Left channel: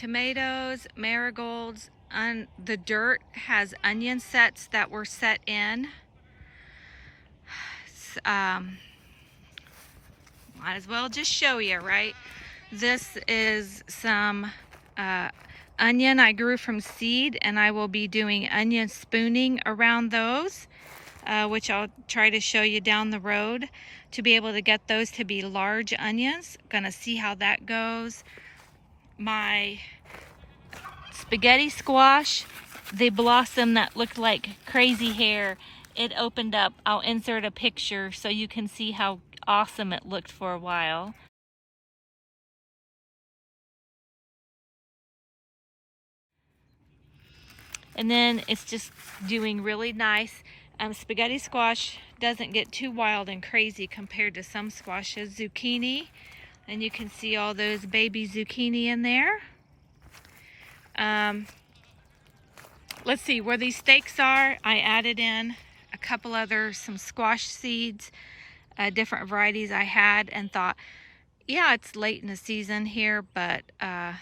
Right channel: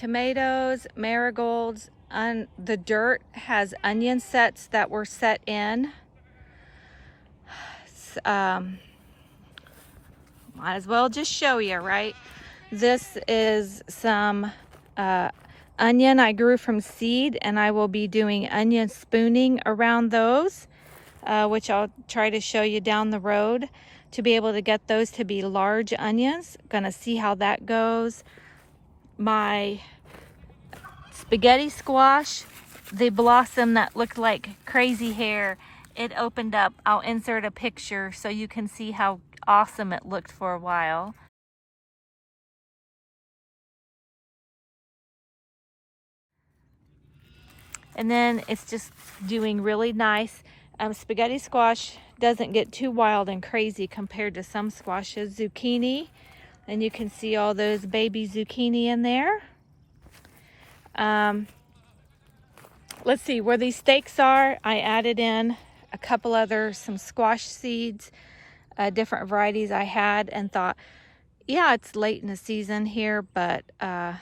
tomatoes, marigolds, the dirt has onion sets that were set in. Might as well just show you, right? This is some onion I grew from seed, and I will be doing onion spooning around those, which I'll try to show you down the road to be able to get those to be large onions. Gonna see how that goes. My spaghetti squash, the blossom that looked like crazy hair, it opened up. I'll insert a picture so you can see how awesome it looked for a while. And then it's just doing really nice. Spaghetti squash doesn't get too wild and crazy compared to some squashes. Zucchini, and you can see all those baby zucchini in there. Let's see where these stakes are. I added in a couple some squash seeds, different varieties I had, and thought, yeah, it's late in the season here, but I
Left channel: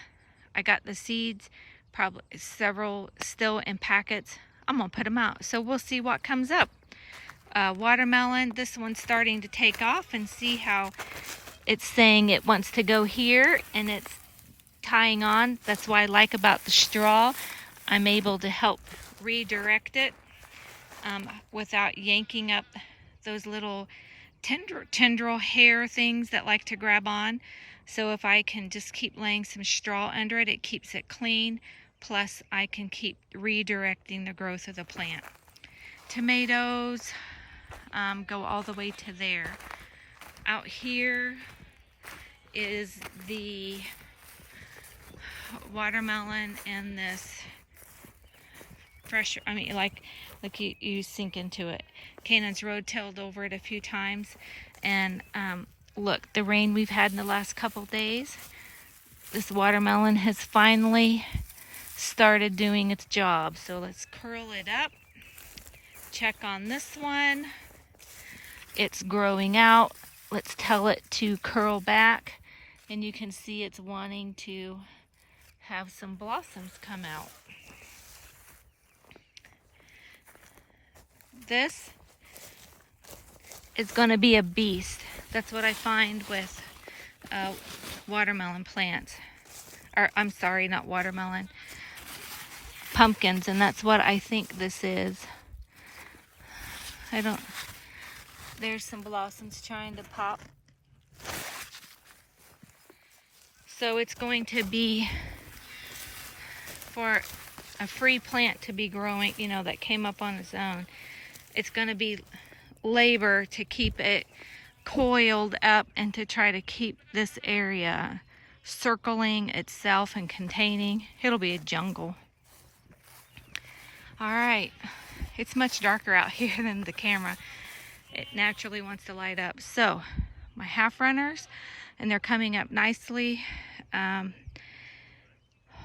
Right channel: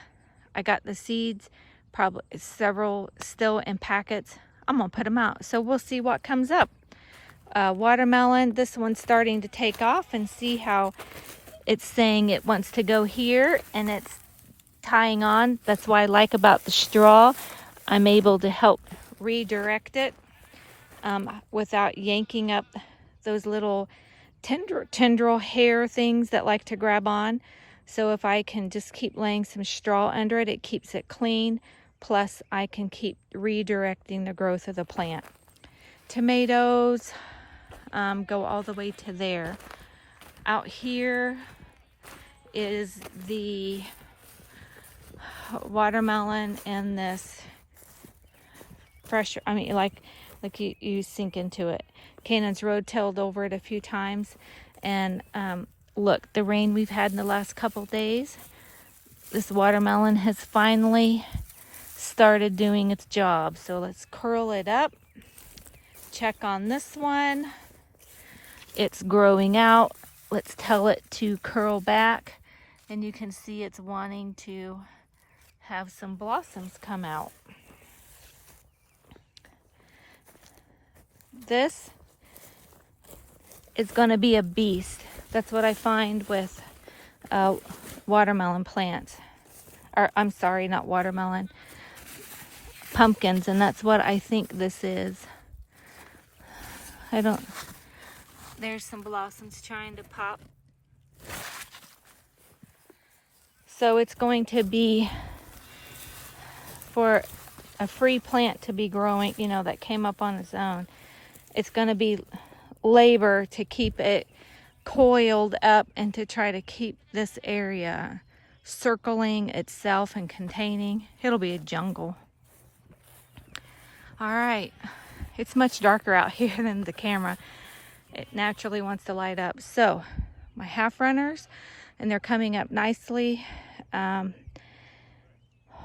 got the seeds, probably several still in packets. I'm gonna put them out, so we'll see what comes up. Watermelon, this one's starting to take off, and see how it's saying it wants to go here, and it's tying on. That's what I like about the straw. I'm able to help redirect it without yanking up those little tendril hair things that like to grab on. So if I can just keep laying some straw under it, it keeps it clean. Plus I can keep redirecting the growth of the plant. Tomatoes go all the way to there. Out here is the watermelon and this fresh, like you sink into it. Canaan's road-tailed over it a few times, and look, the rain we've had in the last couple days, this watermelon has finally started doing its job. So let's curl it up. Check on this one. It's growing out. Let's tell it to curl back, and you can see it's wanting to have some blossoms come out. This is going to be a beast. That's what I find with watermelon plants. Or I'm sorry, not watermelon. Pumpkins, and that's what I think this is. There's some blossoms trying to pop. So it's going to be, for a free plant to be growing, that came up on its own, it's going to be labor to keep it coiled up and to try to keep this area circling itself and containing. It'll be a jungle. All right, it's much darker out here than the camera. It naturally wants to light up. So my half runners, and they're coming up nicely.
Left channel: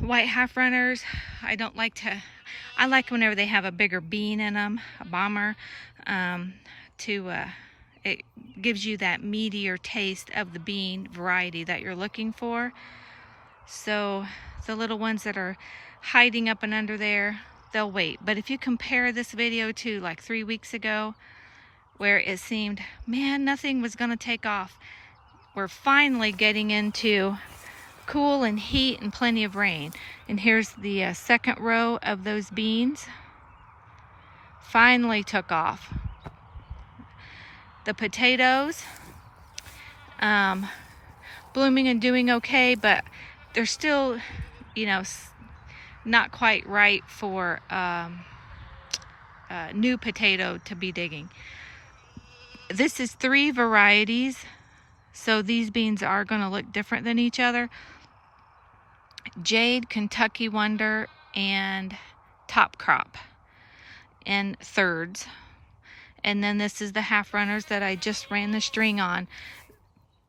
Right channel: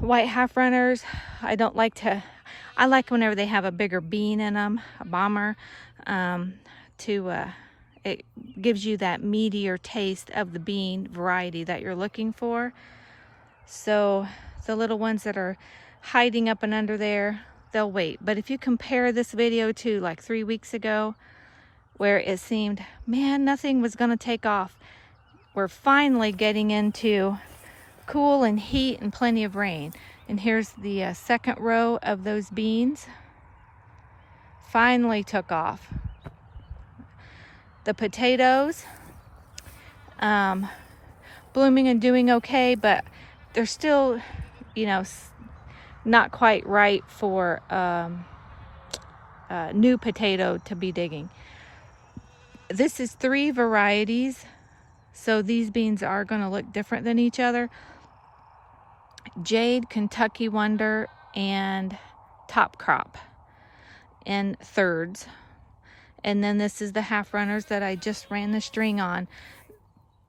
White half runners, I like whenever they have a bigger bean in them, a bomber, it gives you that meatier taste of the bean variety that you're looking for. So the little ones that are hiding up and under there, they'll wait. But if you compare this video to like 3 weeks ago, where it seemed, man, nothing was gonna take off, we're finally getting into cool and heat and plenty of rain. And here's the second row of those beans. Finally took off. The potatoes, blooming and doing okay, but they're still, not quite right for new potato to be digging. This is 3 varieties, so these beans are going to look different than each other. Jade, Kentucky Wonder, and Top Crop in thirds. And then this is the half runners that I just ran the string on.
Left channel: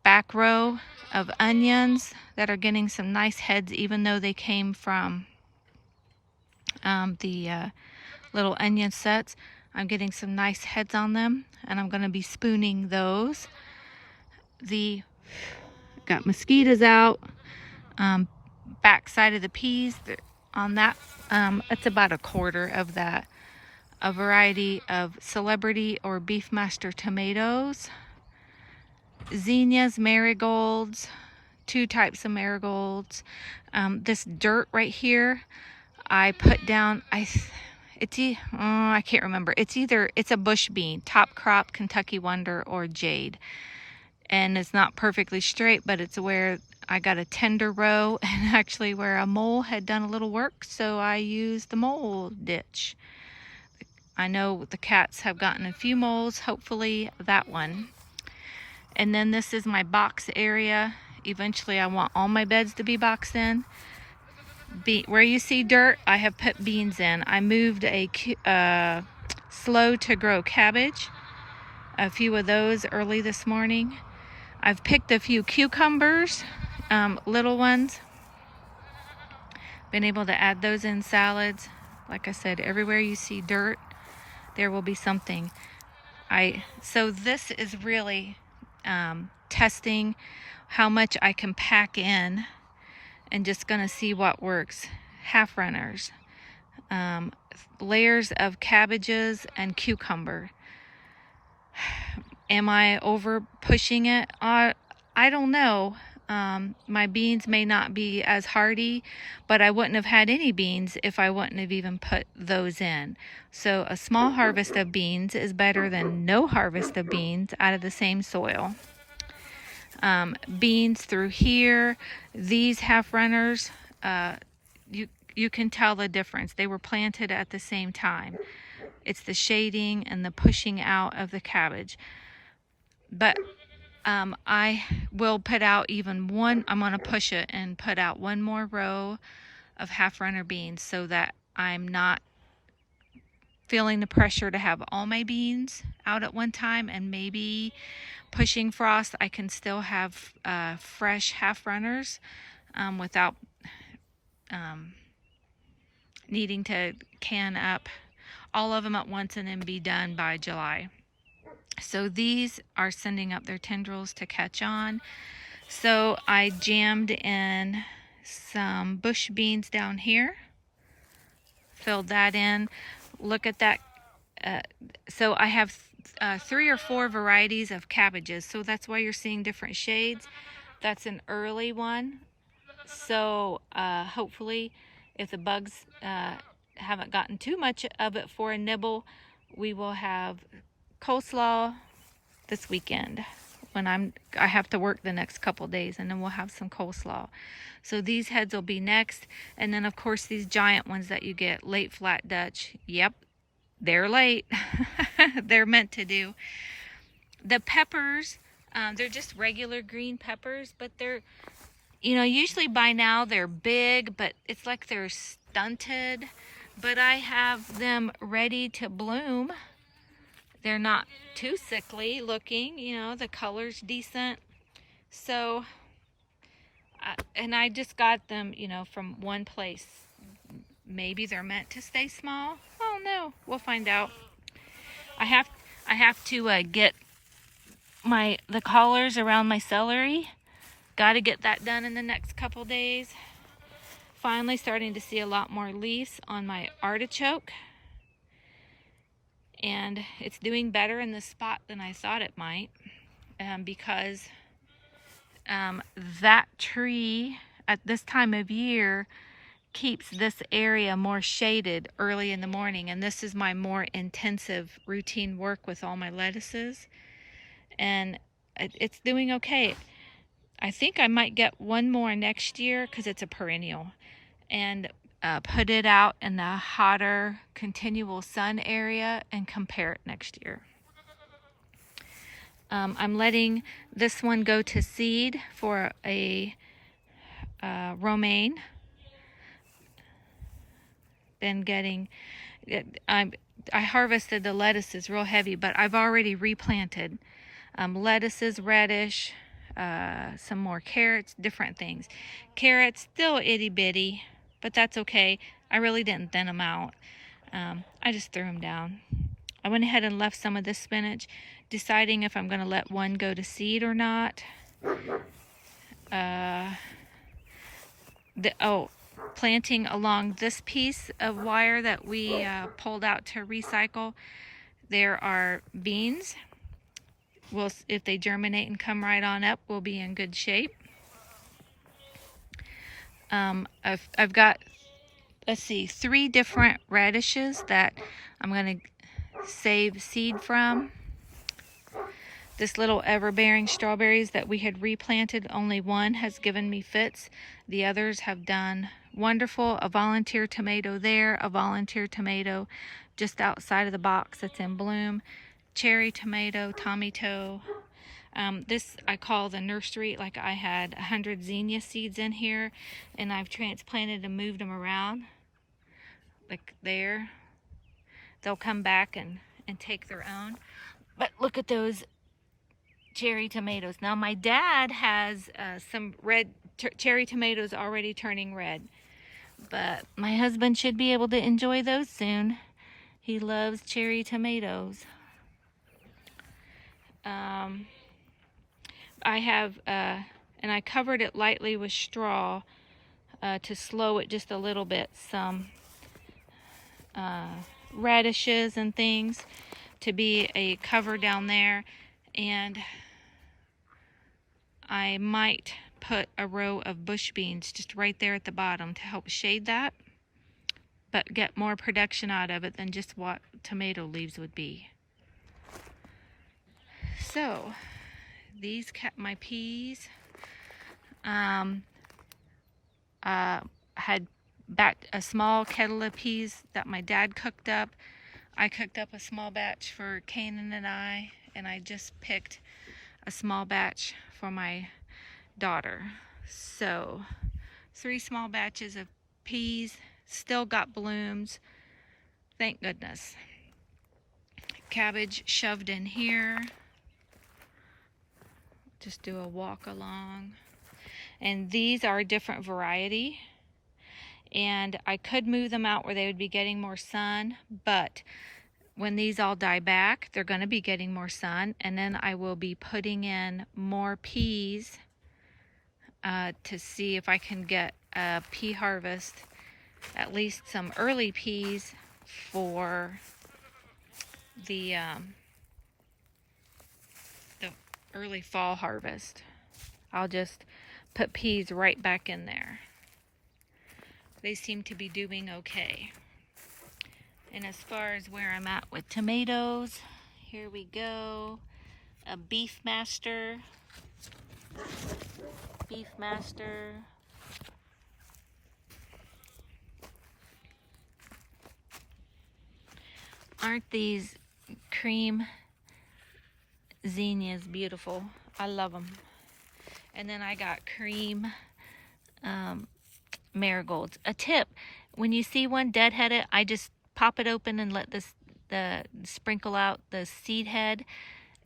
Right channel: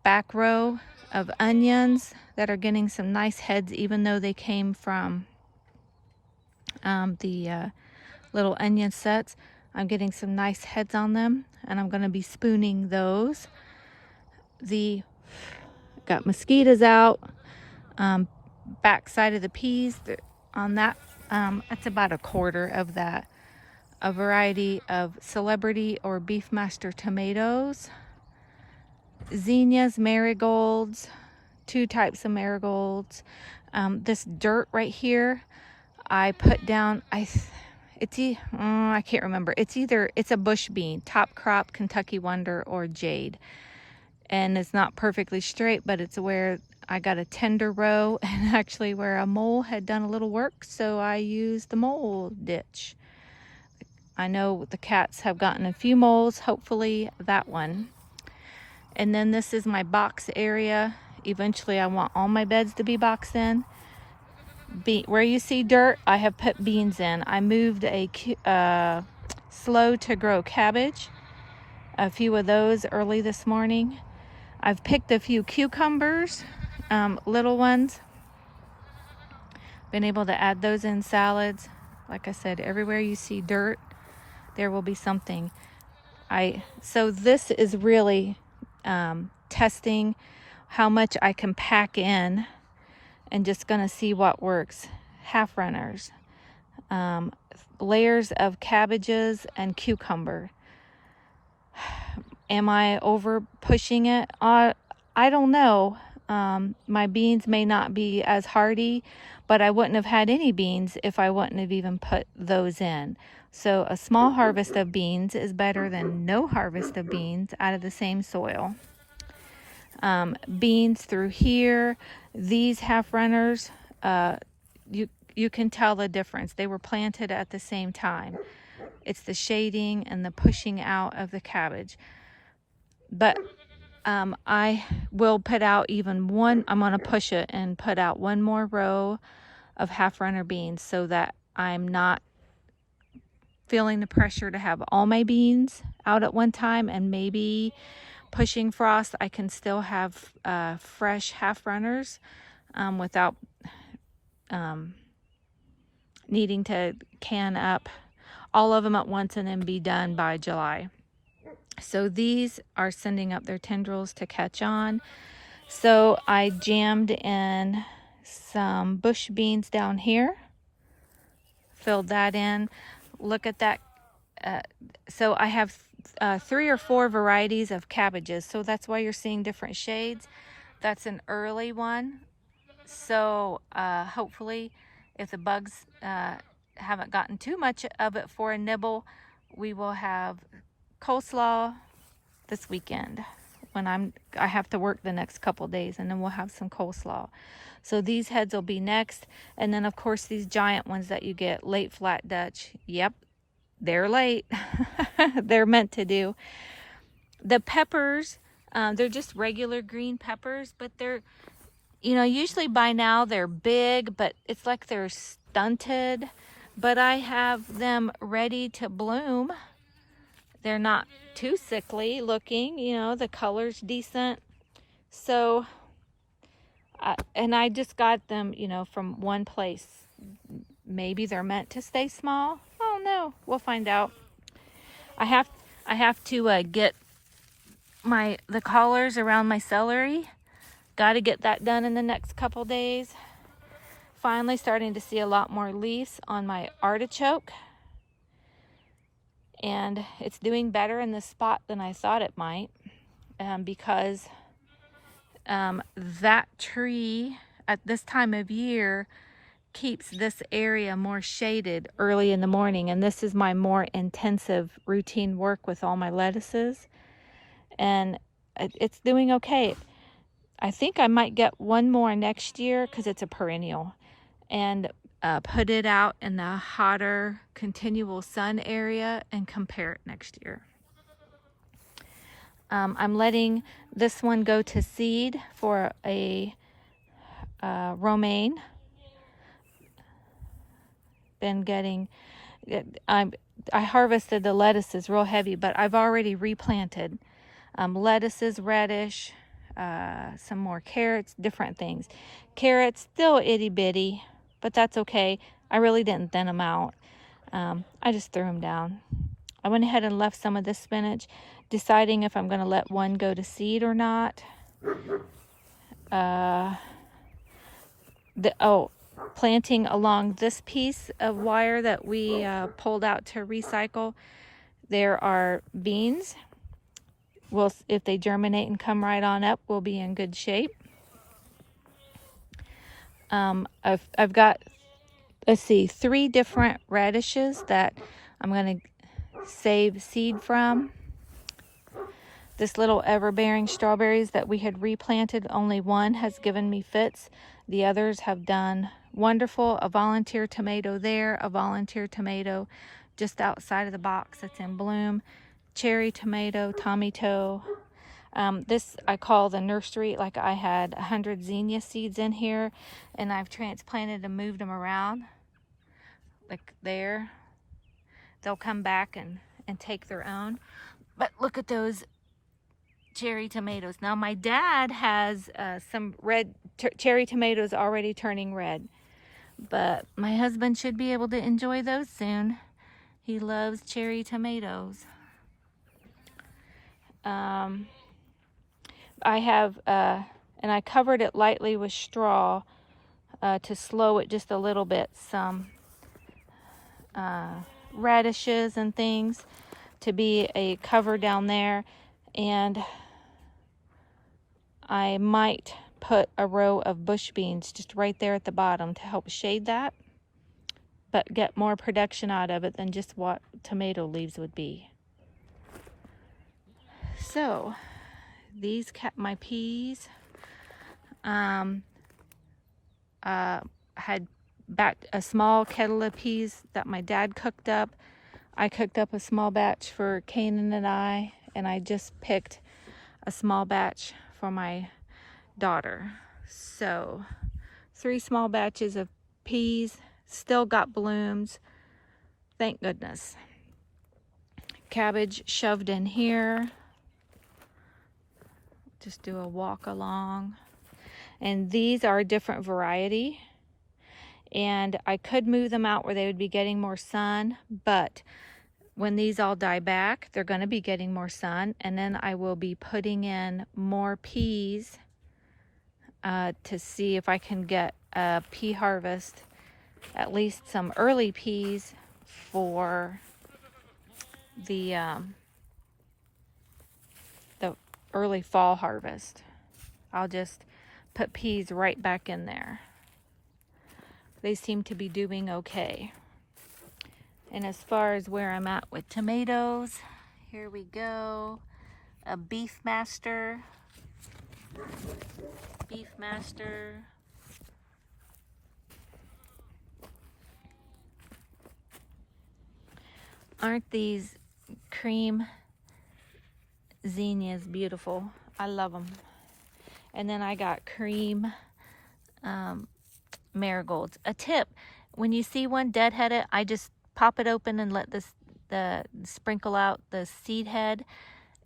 Back row of onions that are getting some nice heads, even though they came from the little onion sets. I'm getting some nice heads on them, and I'm going to be spooning those. Got mosquitoes out. back side of the peas. On that, it's about a quarter of that. A variety of celebrity or beefmaster tomatoes, zinnias, marigolds, 2 types of marigolds. This dirt right here, I put down, I can't remember. It's a bush bean, top crop, Kentucky Wonder, or Jade. And it's not perfectly straight, but it's where I got a tender row, and actually where a mole had done a little work, so I used the mole ditch. I know the cats have gotten a few moles, hopefully that one. And then this is my box area. Eventually I want all my beds to be boxed in. Where you see dirt, I have put beans in. I moved a slow to grow cabbage, a few of those early this morning. I've picked a few cucumbers, little ones. Been able to add those in salads. Like I said, everywhere you see dirt, there will be something. So this is really testing how much I can pack in, and just gonna see what works. Half runners, layers of cabbages and cucumber. Am I over pushing it? I don't know. My beans may not be as hardy, but I wouldn't have had any beans if I wouldn't have even put those in. So a small harvest of beans is better than no harvest of beans out of the same soil. Beans through here, these half runners, you can tell the difference. They were planted at the same time. It's the shading and the pushing out of the cabbage. But I will put out even one. I'm going to push it and put out one more row of half runner beans, so that I'm not feeling the pressure to have all my beans out at one time, and maybe pushing frost, I can still have fresh half runners without needing to can up all of them at once and then be done by July. So these are sending up their tendrils to catch on. So I jammed in some bush beans down here, filled that in. Look at that. So I have 3 or 4 varieties of cabbages, so that's why you're seeing different shades. That's an early one, so hopefully if the bugs haven't gotten too much of it for a nibble, we will have coleslaw this weekend when I have to work the next couple days, and then we'll have some coleslaw. So these heads will be next, and then of course these giant ones that you get, late flat Dutch. Yep, they're late. They're meant to do. The peppers, they're just regular green peppers, but they're, usually by now they're big, but it's like they're stunted. But I have them ready to bloom. They're not too sickly looking, the color's decent. So, and I just got them, from one place. Maybe they're meant to stay small. Oh no, we'll find out. I have to get the collars around my celery. Got to get that done in the next couple days. Finally starting to see a lot more leaves on my artichoke. And it's doing better in this spot than I thought it might, because that tree at this time of year keeps this area more shaded early in the morning, and this is my more intensive routine work with all my lettuces, and it's doing okay. I think I might get one more next year because it's a perennial, and put it out in the hotter continual sun area and compare it next year. I'm letting this one go to seed for a romaine. Been getting, I harvested the lettuces real heavy, but I've already replanted lettuces, radish, some more carrots, different things. Carrots still itty bitty, but that's okay. I really didn't thin them out. I just threw them down. I went ahead and left some of this spinach, deciding if I'm going to let one go to seed or not. planting along this piece of wire that we pulled out to recycle, there are beans. Well, if they germinate and come right on up, we'll be in good shape. I've got, let's see, 3 different radishes that I'm going to save seed from. This little ever-bearing strawberries that we had replanted, only one has given me fits. The others have done wonderful. A volunteer tomato there, a volunteer tomato just outside of the box that's in bloom. Cherry tomato, tomato. This I call the nursery. Like, I had 100 zinnia seeds in here, and I've transplanted and moved them around. Like there. They'll come back and take their own. But look at those cherry tomatoes. Now my dad has some red cherry tomatoes already turning red, but my husband should be able to enjoy those soon. He loves cherry tomatoes. I have and I covered it lightly with straw to slow it just a little bit, some radishes and things to be a cover down there, and I might put a row of bush beans just right there at the bottom to help shade that, but get more production out of it than just what tomato leaves would be. So these my peas. Had backed a small kettle of peas that my dad cooked up. I cooked up a small batch for Kanan and I just picked a small batch for my daughter. So 3 small batches of peas, still got blooms, thank goodness. Cabbage shoved in here. Just do a walk along. And these are a different variety, and I could move them out where they would be getting more sun, but when these all die back, they're going to be getting more sun, and then I will be putting in more peas to see if I can get a pea harvest, at least some early peas for the early fall harvest. I'll just put peas right back in there. They seem to be doing okay. And as far as where I'm at with tomatoes, here we go. A Beef Master. Beef Master. Aren't these cream zinnias beautiful? I love them. And then I got cream marigolds. A tip, when you see one deadheaded, I just pop it open and let the sprinkle out the seed head,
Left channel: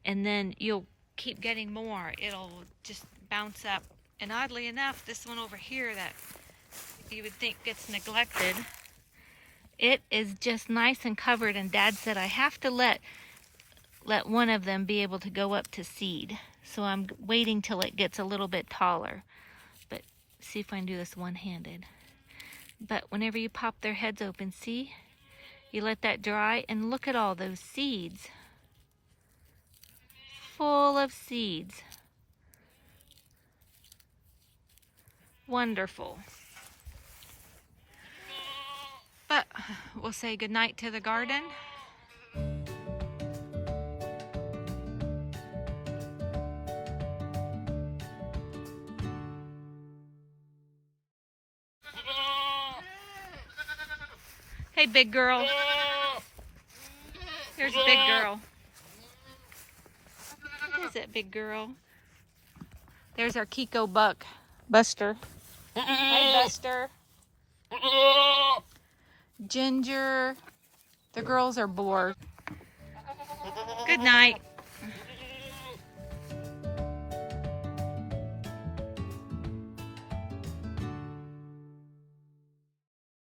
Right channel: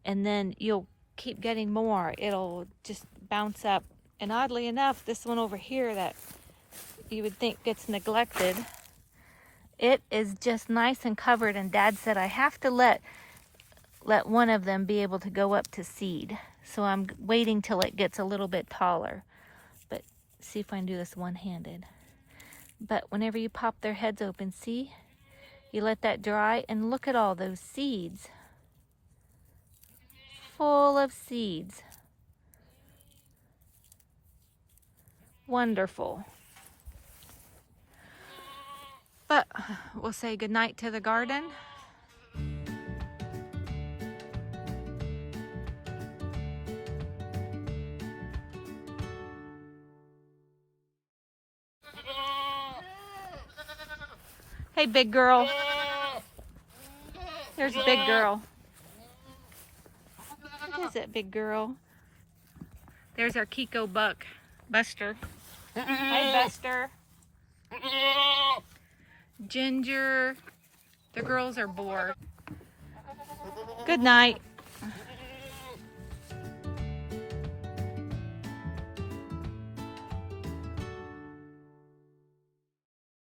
and then you'll keep getting more. It'll just bounce up. And oddly enough, this one over here that you would think gets neglected, it is just nice and covered, and Dad said I have to let one of them be able to go up to seed. So I'm waiting till it gets a little bit taller. But see if I can do this one-handed. But whenever you pop their heads open, see? You let that dry, and look at all those seeds. Full of seeds. Wonderful. But we'll say goodnight to the garden. Hey, big girl. There's a big girl. What is it, big girl? There's our Kiko buck, Buster. Hi, Buster. Ginger. The girls are bored. Good night.